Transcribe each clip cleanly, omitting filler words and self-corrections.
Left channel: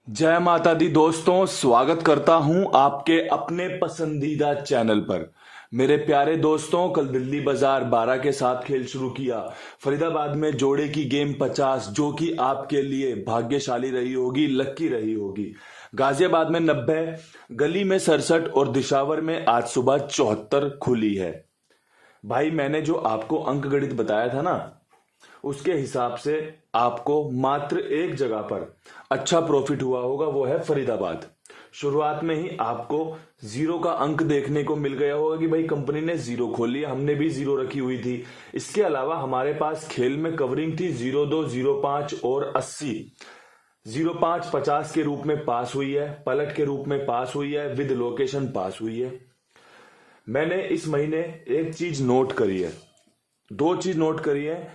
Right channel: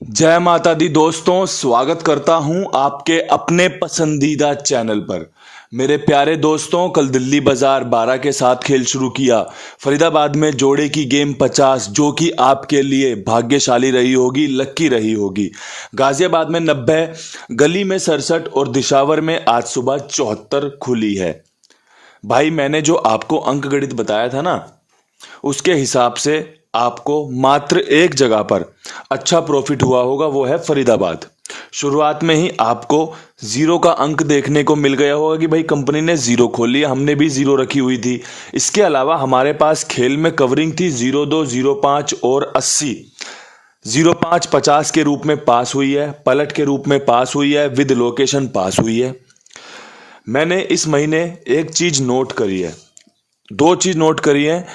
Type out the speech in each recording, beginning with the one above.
जय माता दी दोस्तों, स्वागत करता हूं आपके अपने पसंदीदा चैनल पर। मेरे प्यारे दोस्तों, कल दिल्ली बाजार 12 के साथ खेल शुरू किया। फरीदाबाद में जोड़े की गेम 50, जो कि आपके लिए भाग्यशाली रही होगी, लक्की रही होगी। गाजियाबाद में 90, गली में 67 और दिशावर में आज सुबह 74 खुली है। भाई, मैंने जो आपको अंक गणित बताया था ना, उसके हिसाब से आपको मात्र एक जगह पर अच्छा प्रॉफिट हुआ होगा, वो है फरीदाबाद। शुरुआत में ही आपको जीरो का अंक देखने को मिल गया होगा कि भाई कंपनी ने जीरो खोल लिया, हमने भी जीरो रखी हुई थी। इसके अलावा हमारे पास खेल में कवरिंग थी 02, 05 और 80। 05 50 के रूप में पास हुई है, पलट के रूप में पास हुई है, विद लोकेशन पास हुई है। मैंने इस महीने एक चीज नोट करी है, दो चीज नोट करी है।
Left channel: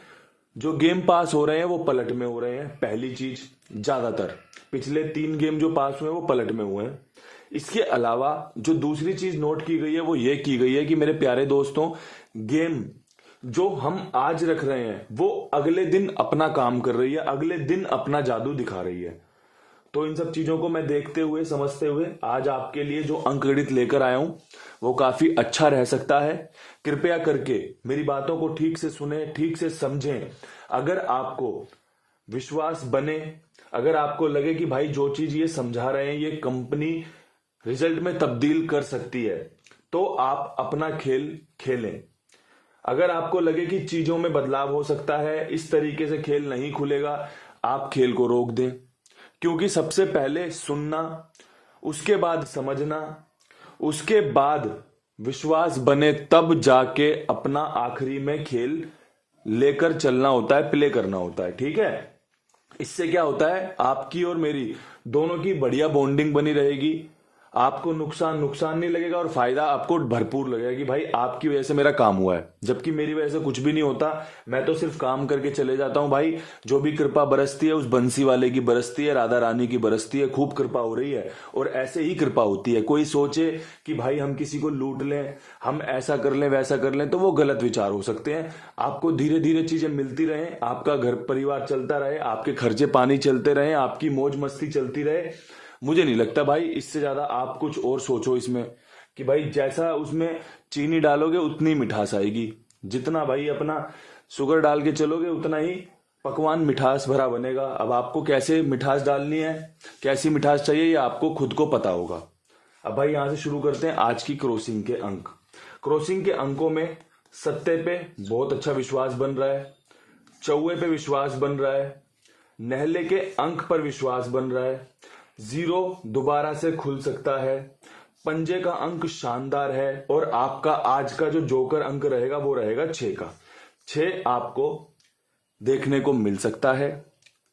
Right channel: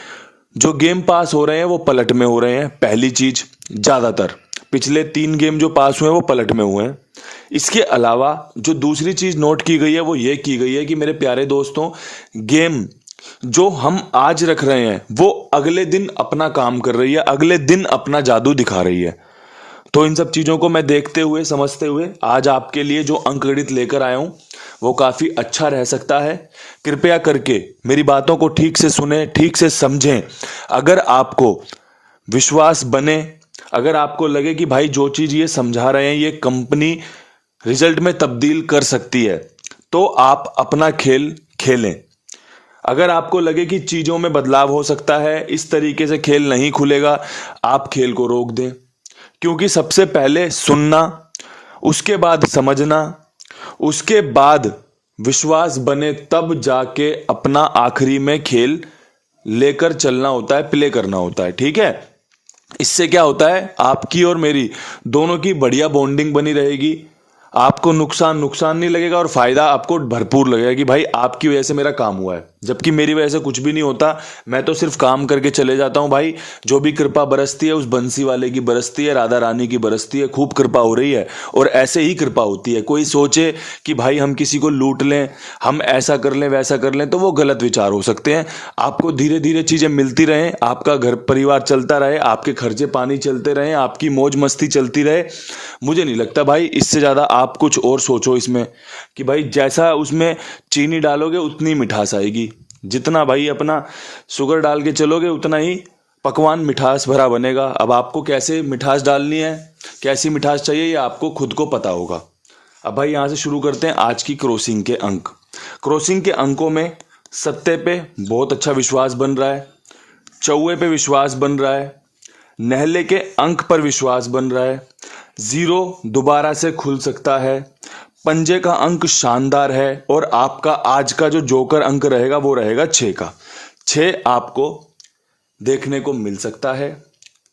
जो गेम पास हो रहे हैं वो पलट में हो रहे हैं। पहली चीज, ज्यादातर पिछले 3 गेम जो पास हुए हैं वो पलट में हुए हैं। इसके अलावा जो दूसरी चीज नोट की गई है वो ये की गई है कि मेरे प्यारे दोस्तों, गेम जो हम आज रख रहे हैं वो अगले दिन अपना काम कर रही है, अगले दिन अपना जादू दिखा रही है। तो इन सब चीजों को मैं देखते हुए, समझते हुए आज आपके लिए जो अंकगणित लेकर आया हूं वो काफी अच्छा रह सकता है। कृपया करके मेरी बातों को ठीक से सुने, ठीक से समझें। अगर आपको विश्वास बने, अगर आपको लगे कि भाई जो चीज ये समझा रहे हैं ये कंपनी रिजल्ट में तब्दील कर सकती है, तो आप अपना खेल खेलें। अगर आपको लगे कि चीजों में बदलाव हो सकता है, इस तरीके से खेल नहीं खुलेगा, आप खेल को रोक दें। क्योंकि सबसे पहले सुनना, उसके बाद समझना, उसके बाद विश्वास बने, तब जाके अपना आखिरी में खेल लेकर चलना होता है, प्ले करना होता है। ठीक है? इससे क्या होता है, आपकी और मेरी दोनों की बढ़िया बॉन्डिंग बनी रहेगी। आपको नुकसान नुकसान नहीं लगेगा और फायदा आपको भरपूर लगेगा कि भाई आपकी वजह से मेरा काम हुआ है, जबकि मेरी वजह से कुछ भी नहीं होता। मैं तो सिर्फ काम करके चले जाता हूं। भाई, जो भी कृपा बरसती है उस बंसी वाले की बरसती है, राधा रानी की बरसती है। खूब कृपा हो रही है और ऐसे ही कृपा होती है। कोई सोचे कि भाई हम किसी को लूट लें, हम ऐसा कर लें, वैसा कर लें, तो वो गलत विचार हो सकते हैं। आपको धीरे धीरे चीजें मिलती रहें, आपका घर परिवार चलता रहे, आपके खर्चे पानी चलते रहे, आपकी मौज मस्ती चलती रहे। मुझे नहीं लगता भाई इससे ज्यादा आप कुछ और सोचो इसमें, कि भाई जैसा उसमें चीनी डालोगे उतनी मिठास आएगी। जितना भाई अपना शुगर डाल के चलोगे उतना ही पकवान मिठास भरा बनेगा। अब आपको कैसे मिठास डालनी है, कैसी मिठास चाहिए, ये आपको खुद को पता होगा। अब भाई यहां से शुरू करते हैं आज की क्रॉसिंग के अंक। क्रॉसिंग के अंकों में सत्ते पे बहुत अच्छा विश्वास बन रहा है, चौवे पे विश्वास बन रहा है, नहले के अंक पर विश्वास बन रहा है, जीरो दोबारा से खुल सकता है, पंजे का अंक शानदार है, और आपका आज का जो जोकर अंक रहेगा वो रहेगा 6 का। 6 आपको देखने को मिल सकता है।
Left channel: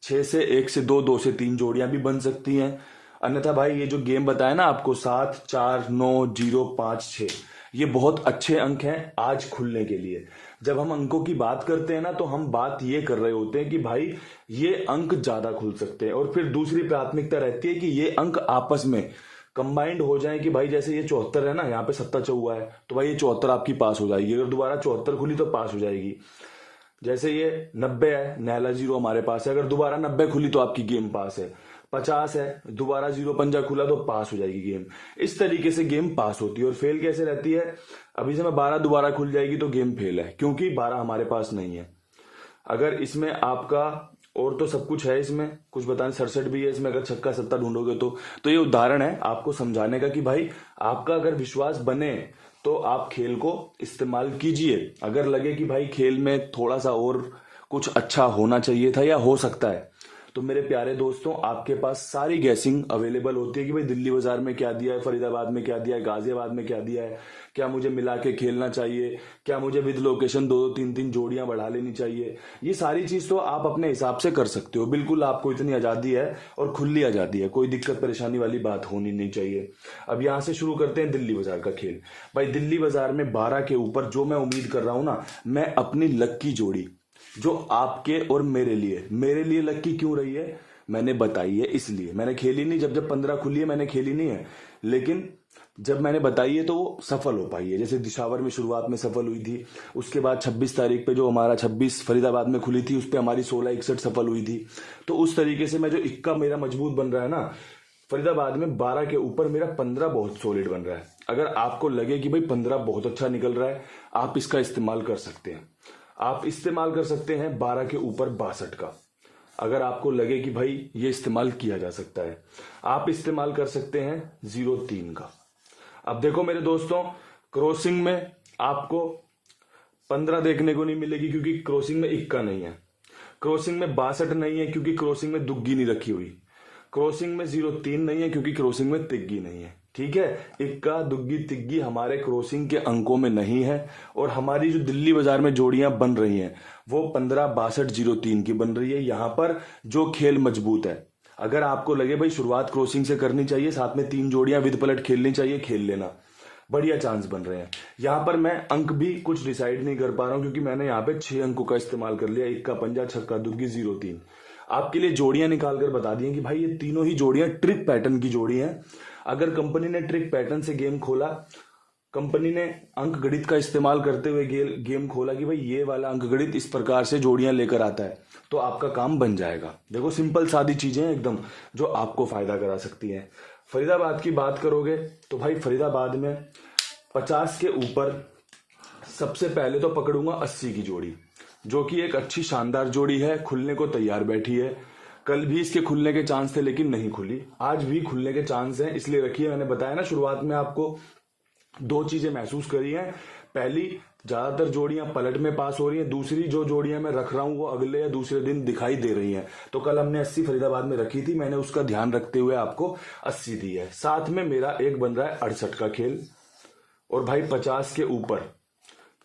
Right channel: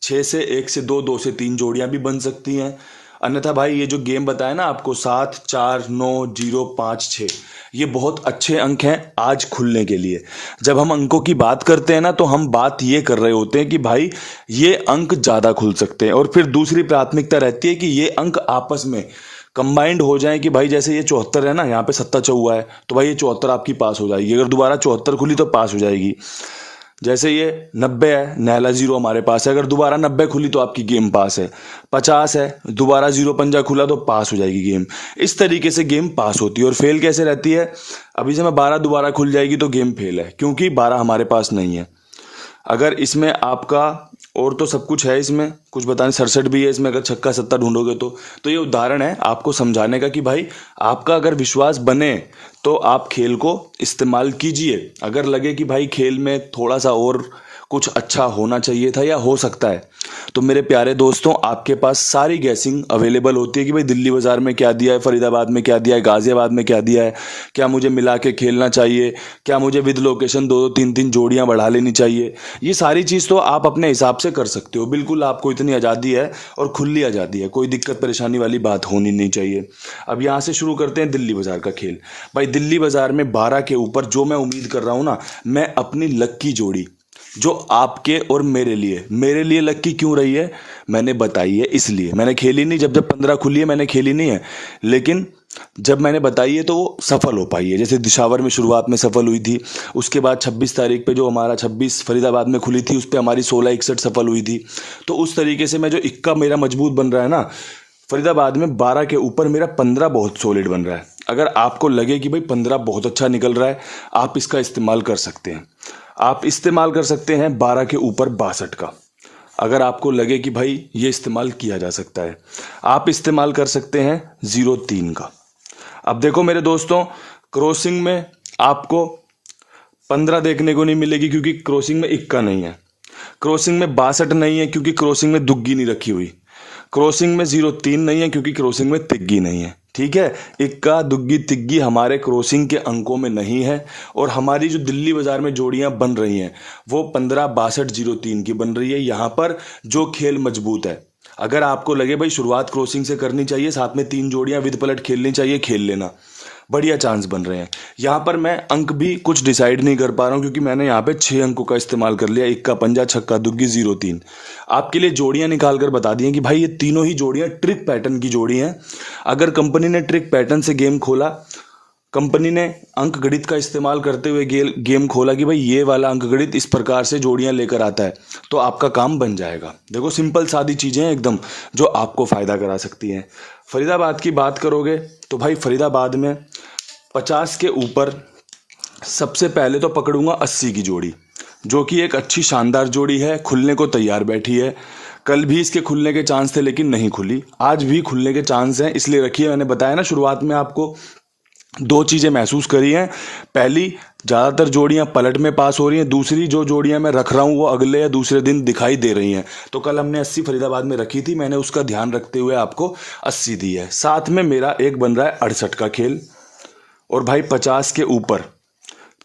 6 से 1 से 2, 2 से 3 जोड़ियां भी बन सकती हैं। अन्यथा भाई ये जो गेम बताया ना आपको, 7, 4, 9, 0, 5, 6, ये बहुत अच्छे अंक हैं आज खुलने के लिए। जब हम अंकों की बात करते हैं ना, तो हम बात ये कर रहे होते हैं कि भाई ये अंक ज्यादा खुल सकते हैं। और फिर दूसरी प्राथमिकता रहती है कि ये अंक आपस में कंबाइंड हो जाए, कि भाई जैसे ये 74 है ना, यहाँ पे 7 चौवा है, तो भाई ये 74 आपकी पास हो जाएगी। अगर दोबारा 74 खुली तो पास हो जाएगी। जैसे ये 90 है, नहला जीरो हमारे पास है, अगर दोबारा 90 खुली तो आपकी गेम पास है। 50 है, दोबारा जीरो पंजा खुला तो पास हो जाएगी गेम। इस तरीके से गेम पास होती है। और फेल कैसे रहती है, अभी से मैं 12 दोबारा खुल जाएगी तो गेम फेल है, क्योंकि 12 हमारे पास नहीं है। अगर इसमें आपका और तो सब कुछ है, इसमें कुछ बताने 67 भी है इसमें, अगर छक्का 70 ढूंढोगे तो ये उदाहरण है आपको समझाने का कि भाई आपका अगर विश्वास बने तो आप खेल को इस्तेमाल कीजिए। अगर लगे कि भाई खेल में थोड़ा सा और कुछ अच्छा होना चाहिए था या हो सकता है, तो मेरे प्यारे दोस्तों आपके पास सारी गैसिंग अवेलेबल होती है कि भाई दिल्ली बाजार में क्या दिया है, फरीदाबाद में क्या दिया है, गाजियाबाद में क्या दिया है, क्या मुझे मिला के खेलना चाहिए, क्या मुझे विद लोकेशन 2-2 3-3 जोड़ियां बढ़ा लेनी चाहिए। ये सारी चीज़ तो आप अपने हिसाब से कर सकते हो, बिल्कुल आपको इतनी आज़ादी है और खुली आज़ादी है, कोई दिक्कत परेशानी वाली बात होनी नहीं चाहिए। अब यहाँ से शुरू करते हैं दिल्ली बाजार का खेल। भाई दिल्ली बाजार में 12 के ऊपर जो मैं उम्मीद कर रहा हूँ ना, मैं अपनी लक की जोड़ी जो आपके और मेरे लिए लकी क्यों रही है मैंने बताई है, इसलिए मैंने खेली नहीं। जब जब 15 खुली है मैंने खेली नहीं है, लेकिन जब मैंने बताई है तो वो सफल हो पाई है। जैसे दिशावर में शुरुआत में सफल हुई थी, उसके बाद 26 तारीख पे जो हमारा 26 फरीदाबाद में खुली थी उस पर हमारी 1661 सफल हुई थी। तो उस तरीके से मैं जो इक्का मेरा मजबूत बन रहा है ना फरीदाबाद में 12 के ऊपर, मेरा 15 बहुत सॉलिड बन रहा है। अगर आपको लगे कि भाई 15 बहुत अच्छा निकल रहा है, आप इसका इस्तेमाल कर सकते हैं। आप इस्तेमाल कर सकते हैं 12 के ऊपर 62 का। अगर आपको लगे कि भाई ये इस्तेमाल किया जा सकता है, आप इस्तेमाल कर सकते हैं 03 का। अब देखो मेरे दोस्तों, क्रॉसिंग में आपको 15 देखने को नहीं मिलेगी क्योंकि क्रॉसिंग में इक्का नहीं है। क्रॉसिंग में 62 नहीं है क्योंकि क्रॉसिंग में दुग्गी नहीं रखी हुई। क्रॉसिंग में 03 नहीं है क्योंकि क्रॉसिंग में तिग्गी नहीं है। ठीक है, इक्का दुग्गी तिग्गी हमारे क्रॉसिंग के अंकों में नहीं है। और हमारी जो दिल्ली बाजार में जोड़ियां बन रही हैं वो 15 62 03 की बन रही है। यहाँ पर जो खेल मजबूत है, अगर आपको लगे भाई शुरुआत क्रॉसिंग से करनी चाहिए, साथ में 3 जोड़ियां विद पलट खेलनी चाहिए, खेल लेना, बढ़िया चांस बन रहे हैं। यहाँ पर मैं अंक भी कुछ डिसाइड नहीं कर पा रहा हूँ क्योंकि मैंने यहाँ पे 6 अंकों का इस्तेमाल कर लिया, इक्का पंजा छक्का दुग्गी 03। आपके लिए जोड़ियां निकाल कर बता दी हैं कि भाई ये तीनों ही जोड़ियां ट्रिक पैटर्न की जोड़ी हैं। अगर कंपनी ने ट्रिक पैटर्न से गेम खोला, कंपनी ने अंक गणित का इस्तेमाल करते हुए गेम खोला कि भाई ये वाला अंक गणित इस प्रकार से जोड़ियां लेकर आता है, तो आपका काम बन जाएगा। देखो सिंपल सादी चीजें हैं एकदम, जो आपको फायदा करा सकती हैं। फरीदाबाद की बात करोगे तो भाई फरीदाबाद में 50 के ऊपर सबसे पहले तो पकड़ूंगा 80 की जोड़ी, जो कि एक अच्छी शानदार जोड़ी है, खुलने को तैयार बैठी है। कल भी इसके खुलने के चांस थे लेकिन नहीं खुली, आज भी खुलने के चांस हैं, इसलिए रखिए। मैंने बताया ना शुरुआत में आपको 2 चीज़ें महसूस करी हैं। पहली, ज़्यादातर जोड़ियां पलट में पास हो रही हैं। दूसरी, जो जोड़ियां मैं रख रहा हूं वो अगले या दूसरे दिन दिखाई दे रही हैं। तो कल हमने 80 फरीदाबाद में रखी थी, मैंने उसका ध्यान रखते हुए आपको 80 दी है। साथ में मेरा एक बन रहा है 68 का खेल। और भाई 50 के ऊपर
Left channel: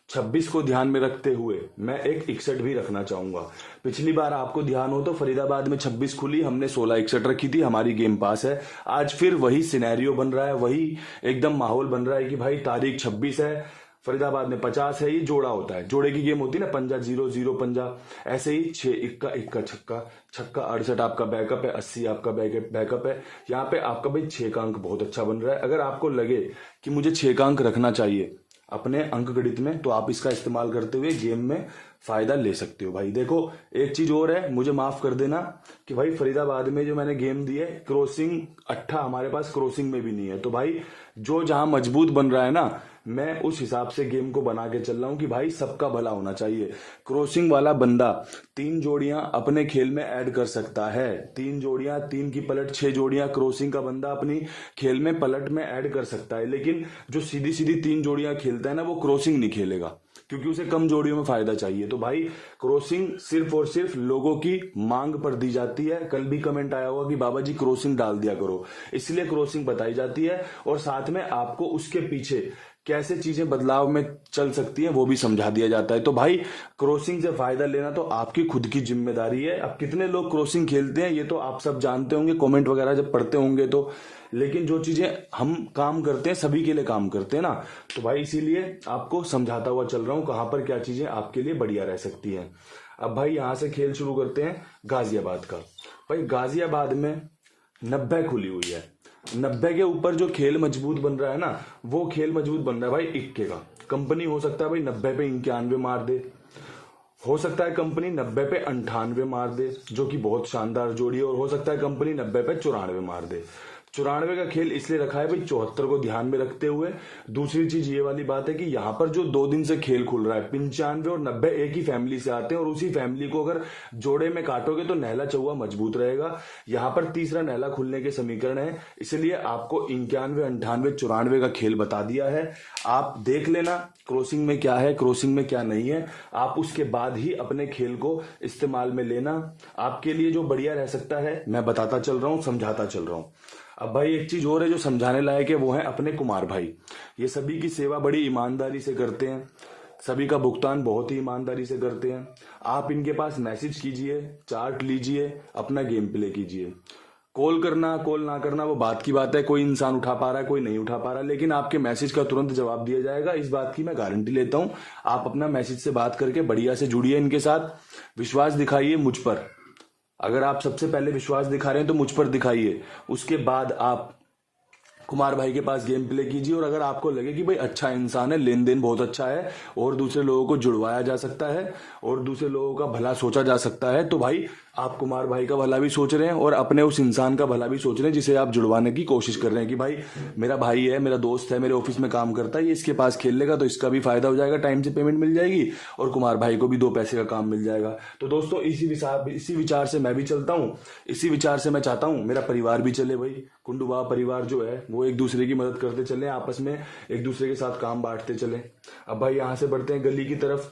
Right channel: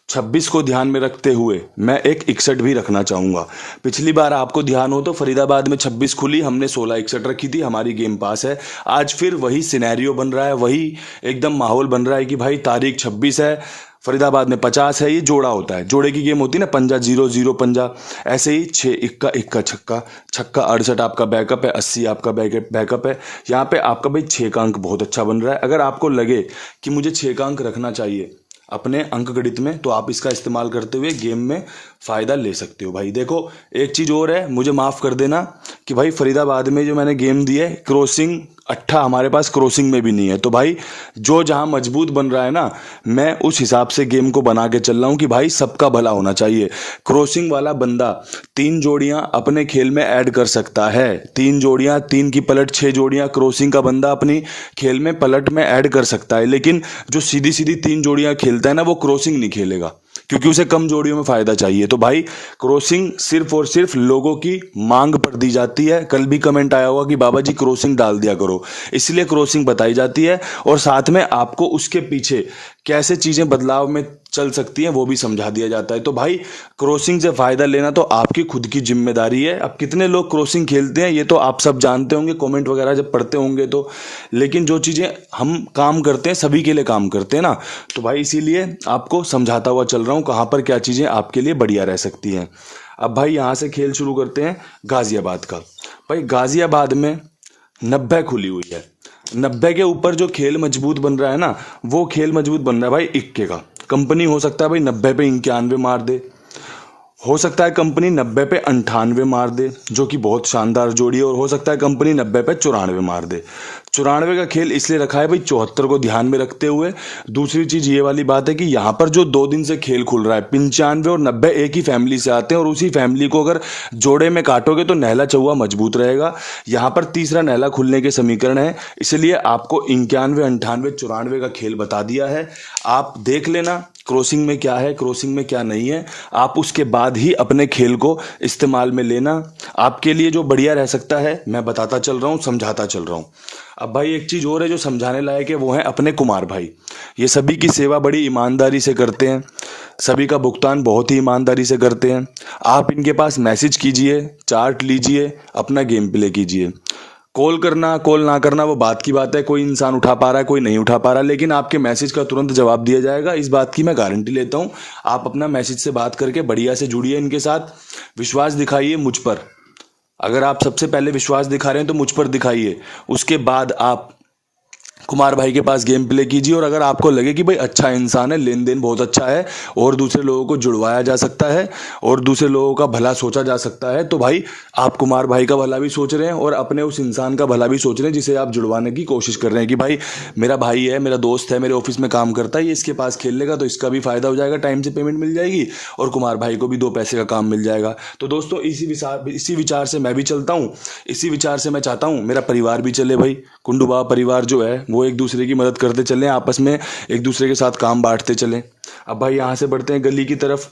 26 को ध्यान में रखते हुए मैं एक 61 भी रखना चाहूँगा। पिछली बार आपको ध्यान हो तो फरीदाबाद में 26 खुली, हमने 16 61 रखी थी, हमारी गेम पास है। आज फिर वही सिनेरियो बन रहा है, वही एकदम माहौल बन रहा है कि भाई तारीख 26 है, फरीदाबाद में 50 है। ये जोड़ा होता है, जोड़े की गेम होती है ना, पंजा 0 0 पंजा। ऐसे ही 6 इक्का इक्का छक्का छक्का 68 आपका बैकअप है, 80 आपका बैकअप है। यहाँ पे आपका भाई 6 का अंक बहुत अच्छा बन रहा है। अगर आपको लगे कि मुझे 6 का अंक रखना चाहिए अपने अंक गणित में, तो आप इसका इस्तेमाल करते हुए गेम में फ़ायदा ले सकते हो। भाई देखो एक चीज़ और है, मुझे माफ़ कर देना कि भाई फरीदाबाद में जो मैंने गेम दी है, क्रॉसिंग 8 हमारे पास क्रॉसिंग में भी नहीं है। तो भाई जो जहाँ मजबूत बन रहा है ना, मैं उस हिसाब से गेम को बना के चल रहा हूँ कि भाई सबका भला होना चाहिए। क्रॉसिंग वाला बंदा 3 जोड़ियाँ अपने खेल में ऐड कर सकता है, 3 जोड़ियाँ, 3 की पलट 6 जोड़ियाँ क्रॉसिंग का बंदा अपनी खेल में पलट में ऐड कर सकता है। लेकिन जो सीधी सीधी 3 जोड़ियाँ खेलता है ना, वो क्रॉसिंग नहीं खेलेगा क्योंकि उसे कम जोड़ियों में फायदा चाहिए। तो भाई क्रॉसिंग सिर्फ और सिर्फ लोगों की मांग पर दी जाती है। कल भी कमेंट आया होगा कि बाबा जी क्रॉसिंग डाल दिया करो, इसलिए क्रॉसिंग बताई जाती है। और साथ में आपको उसके पीछे कैसे चीजें बदलाव में चल सकती हैं वो भी समझा दिया जाता है। तो भाई क्रॉसिंग से फायदा लेना तो आपकी खुद की जिम्मेदारी है। अब कितने लोग क्रॉसिंग खेलते हैं ये तो आप सब जानते होंगे, कमेंट वगैरह जब पढ़ते होंगे तो। लेकिन जो चीजें हम काम करते हैं सभी के लिए काम करते हैं ना, तो भाई इसीलिए आपको समझाता हुआ चल रहा हूँ कहाँ पर क्या चीजें आपके लिए बढ़िया रह सकती हैं। अब भाई यहाँ से खेल शुरू करते हैं गाजियाबाद का। भाई गाजियाबाद में 90 खुली हुई है। 90 के ऊपर जो खेल मजबूत बन रहा है ना, वो खेल मजबूत बन रहा है भाई इक्के का। कंपनी हो सकता है भाई 90 पे 91 मार दे, हो सकता है कंपनी 90 पे 98 मार दे, जो कि बहुत शानदार जोड़ी है। और हो सकता है कंपनी 90 पे 94 मार दे। 94 का खेल इसलिए रखा है भाई 74 को ध्यान में रखते हुए। दूसरी चीज ये वाली बात है कि यहाँ पर जो 2 दिन से खेल खुल रहा है, 95 और 90 एक ही फैमिली से आते हैं, और उसी फैमिली को अगर जोड़े में काटोगे तो नहला चौवा मजबूत रहेगा। यहाँ पर तीसरा नहला खुलने के समीकरण है, इसलिए आपको 91 98 94 का खेल बता दिया है। आप देख लेना क्रॉसिंग में क्या है, क्रॉसिंग में क्या नहीं है, आप उसके बाद ही अपने खेल को इस्तेमाल में लेना। आपके लिए जो बढ़िया रह सकता है मैं बताता चल रहा हूँ, समझाता चल रहा हूँ। अब भाई एक चीज़ और है जो समझाने लायक है, वो है अपने कुमार भाई। ये सभी की सेवा बड़ी ईमानदारी से करते हैं, सभी का भुगतान बहुत ही ईमानदारी से करते हैं। आप इनके पास मैसेज कीजिए, चार्ट लीजिए, अपना गेम प्ले कीजिए। कॉल करना कॉल ना करना वो बात की बात है, कोई इंसान उठा पा रहा है कोई नहीं उठा पा रहा, लेकिन आपके मैसेज का तुरंत जवाब दिया जाएगा, इस बात की मैं गारंटी लेता हूँ। आप अपना मैसेज से बात करके बढ़िया से जुड़िए इनके साथ, विश्वास दिखाइए मुझ पर। अगर आप सबसे पहले विश्वास दिखा रहे हैं तो मुझ पर दिखाइए, उसके बाद आप कुमार भाई के पास गेम प्ले कीजिए। और अगर आपको लगे कि भाई अच्छा इंसान है, लेन देन बहुत अच्छा है और दूसरे लोगों को जुड़वाया जा सकता है और दूसरे लोगों का भला सोचा जा सकता है, तो भाई आप कुमार भाई का भला भी सोच रहे हैं और अपने उस इंसान का भला भी सोच रहे हैं जिसे आप जुड़वाने की कोशिश कर रहे हैं कि भाई मेरा भाई है, मेरा दोस्त है, मेरे ऑफिस में काम करता है, ये इसके पास खेल लेगा तो इसका भी फायदा हो जाएगा, टाइम से पेमेंट मिल जाएगी और कुमार भाई को भी 2 पैसे का काम मिल जाएगा। तो दोस्तों इसी विचार से मैं भी चलता हूँ, इसी विचार से मैं चाहता हूँ मेरा परिवार भी चले। भाई कुंडू बाबा परिवार जो है वो एक दूसरे की मदद करते चलें, आपस में एक दूसरे के साथ काम बांटते चलें। अब भाई यहाँ से बढ़ते हैं गली की तरफ।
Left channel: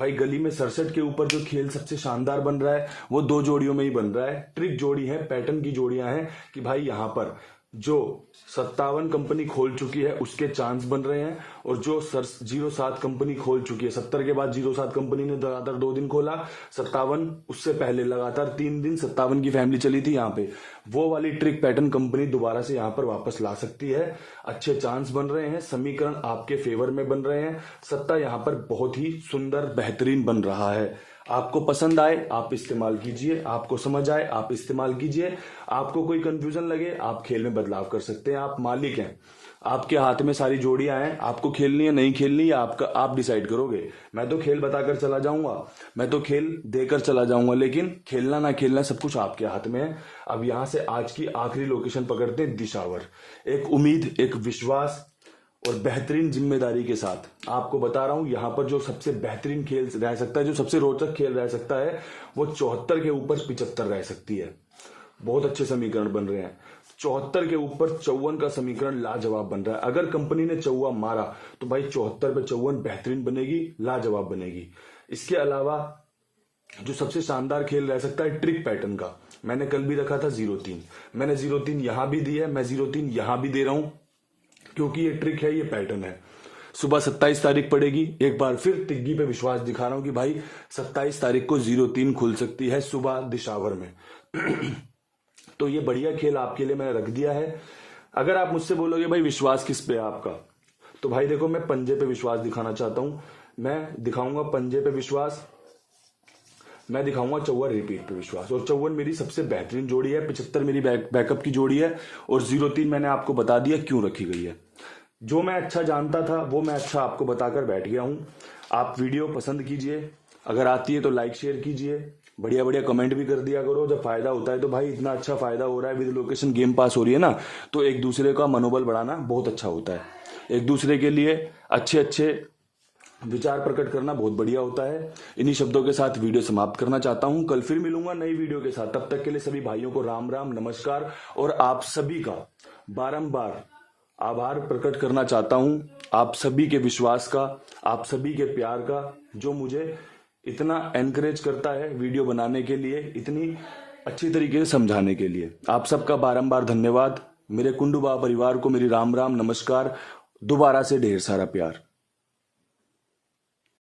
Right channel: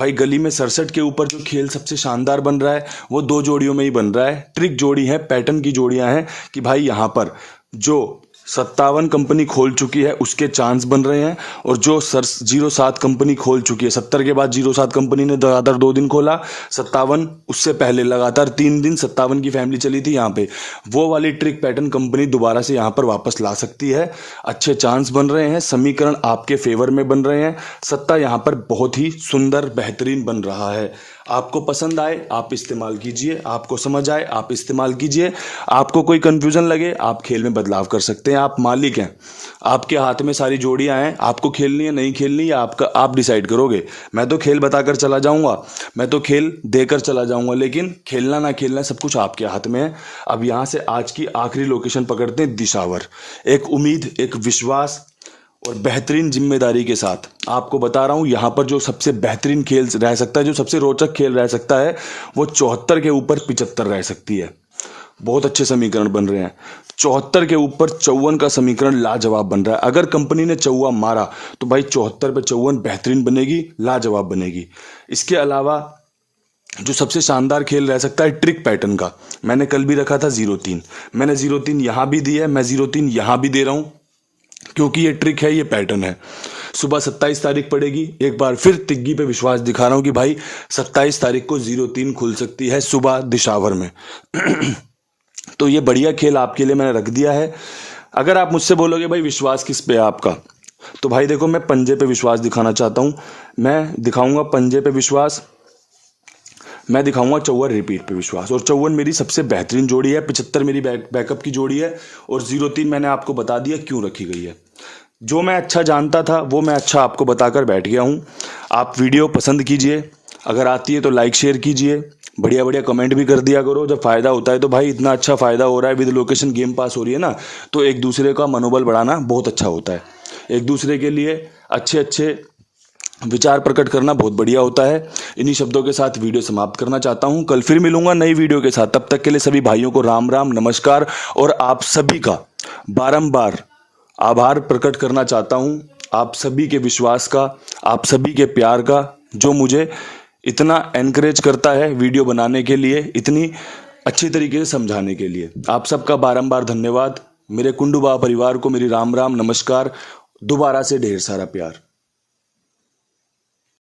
भाई गली में 67 के ऊपर जो खेल सबसे शानदार बन रहा है वो 2 जोड़ियों में ही बन रहा है। ट्रिक जोड़ी है, पैटर्न की जोड़ियां हैं कि भाई यहाँ पर जो 57 कंपनी खोल चुकी है उसके चांस बन रहे हैं और जो 07 कंपनी खोल चुकी है, 70 के बाद 07 कंपनी ने लगातार 2 दिन खोला, 57 उससे पहले लगातार 3 दिन 57 की फैमिली चली थी यहाँ पे, वो वाली ट्रिक पैटर्न कंपनी दोबारा से यहाँ पर वापस ला सकती है। अच्छे चांस बन रहे हैं, समीकरण आपके फेवर में बन रहे हैं, सत्ता यहाँ पर बहुत ही सुंदर बेहतरीन बन रहा है। आपको पसंद आए आप इस्तेमाल कीजिए, आपको समझ आए आप इस्तेमाल कीजिए, आपको कोई कंफ्यूजन लगे आप खेल में बदलाव कर सकते हैं। आप मालिक हैं, आपके हाथ में सारी जोड़ियां हैं, आपको खेलनी है नहीं खेलनी है आप डिसाइड करोगे। मैं तो खेल बताकर चला जाऊंगा, मैं तो खेल देकर चला जाऊंगा, लेकिन खेलना ना खेलना सब कुछ आपके हाथ में है। अब यहाँ से आज की आखिरी लोकेशन पकड़ते हैं, दिशावर। एक उम्मीद, एक विश्वास और बेहतरीन जिम्मेदारी के साथ आपको बता रहा हूं यहां पर जो सबसे बेहतरीन खेल रह सकता है, जो सबसे रोचक खेल रह सकता है, वो 74 के ऊपर 75 रह सकती है। बहुत अच्छे समीकरण बन रहे हैं। 74 के ऊपर 54 का समीकरण लाजवाब बन रहा है। अगर कंपनी ने चौवा मारा तो भाई 74 पे 54 बेहतरीन बनेगी, लाजवाब बनेगी। इसके अलावा जो सबसे शानदार खेल रह सकता है ट्रिक पैटर्न का, मैंने कल भी रखा था 03, मैंने 03 यहां भी दी है, मैं 03 यहां भी दे रहा हूं क्योंकि ये ट्रिक है, ये पैटर्न है। सुबह 27 तारीख पड़ेगी, एक बार फिर तिग्गी पे विश्वास दिखा रहा हूं कि भाई 27 तारीख को 03 खुल सकती है सुबह दिशावर में। तो ये बढ़िया खेल आपके लिए मैंने रख दिया है। अगर आप मुझसे बोलोगे भाई विश्वास किस पे है आपका, तो भाई देखो मैं पंजे पे विश्वास दिखाना चाहता हूं। मैं दिखाऊंगा पंजे पे विश्वास, मैं दिखाऊंगा 54 रिपीट पे विश्वास। और 54 मेरी सबसे बेहतरीन जोड़ी है, 75 मेरी बैकअप की जोड़ी है और 03 मैंने आपको बता दिया क्यों रखी गई है। जो मैं अच्छा जानता था वो मैं अच्छा आपको बताकर बैठ गया हूँ। आप वीडियो पसंद कीजिए, अगर आती है तो लाइक शेयर कीजिए, बढ़िया बढ़िया कमेंट भी कर दिया करो जब फ़ायदा होता है। तो भाई इतना अच्छा फ़ायदा हो रहा है, विद लोकेशन गेम पास हो रही है ना, तो एक दूसरे का मनोबल बढ़ाना बहुत अच्छा होता है। एक दूसरे के लिए अच्छे अच्छे विचार प्रकट करना बहुत बढ़िया होता है। इन्हीं शब्दों के साथ वीडियो समाप्त करना चाहता हूं। कल फिर मिलूंगा नई वीडियो के साथ, तब तक के लिए सभी भाइयों को राम राम नमस्कार। और आप सभी का बारंबार आभार प्रकट करना चाहता हूं, आप सभी के विश्वास का, आप सभी के प्यार का, जो मुझे इतना एनकरेज करता है वीडियो बनाने के लिए, इतनी अच्छी तरीके से समझाने के लिए। आप सबका बारंबार धन्यवाद। मेरे कुंडू बाबा परिवार को मेरी राम राम नमस्कार, दोबारा से ढेर सारा प्यार।